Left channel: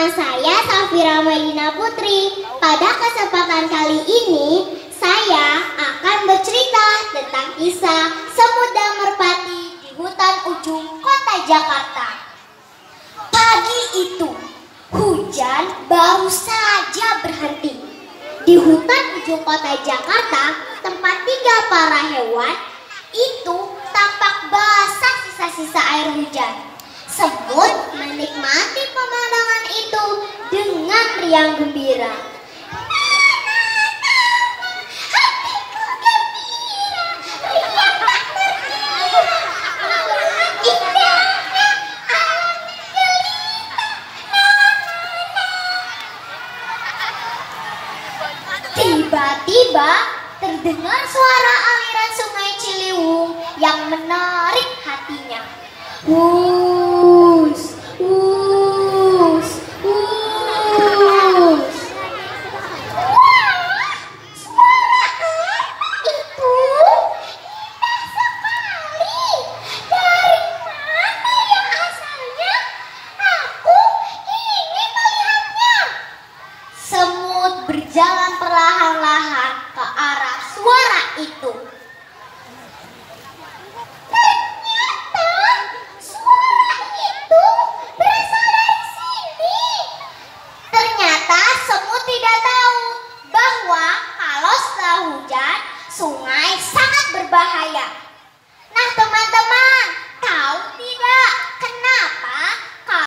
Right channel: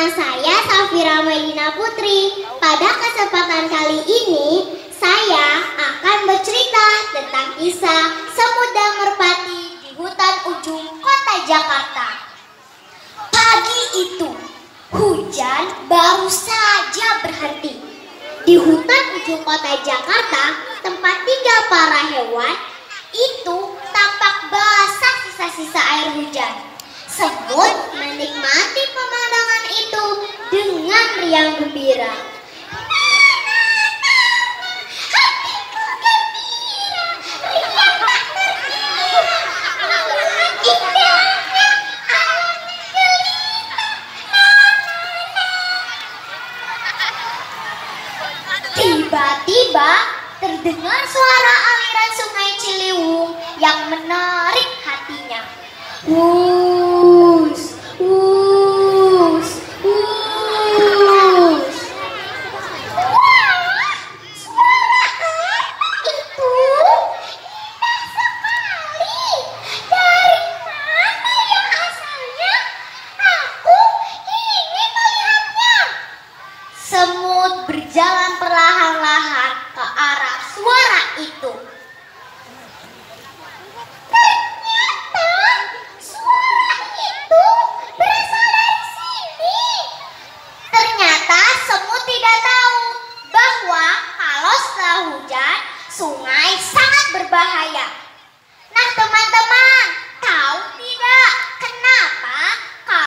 Nama saya Safira Melina Putri. Pada kesempatan kali ini, saya akan bercerita tentang kisah semut dan merpati di hutan ujung kota Jakarta. Pagi itu, hujan baru saja berhenti. Di hutan ujung kota Jakarta, tempat tinggal para hewan, itu tampak basah sisa-sisa air hujan. Semut menikmati pemandangan itu dengan riang gembira. Tiba-tiba terdengar suara aliran sungai Ciliwung yang menarik hatinya. Wus, wus, wus. Wah, suara apa itu? Indah sekali. Dari mana yang asalnya? Aku ingin melihatnya. Semut berjalan perlahan-lahan ke arah suara itu.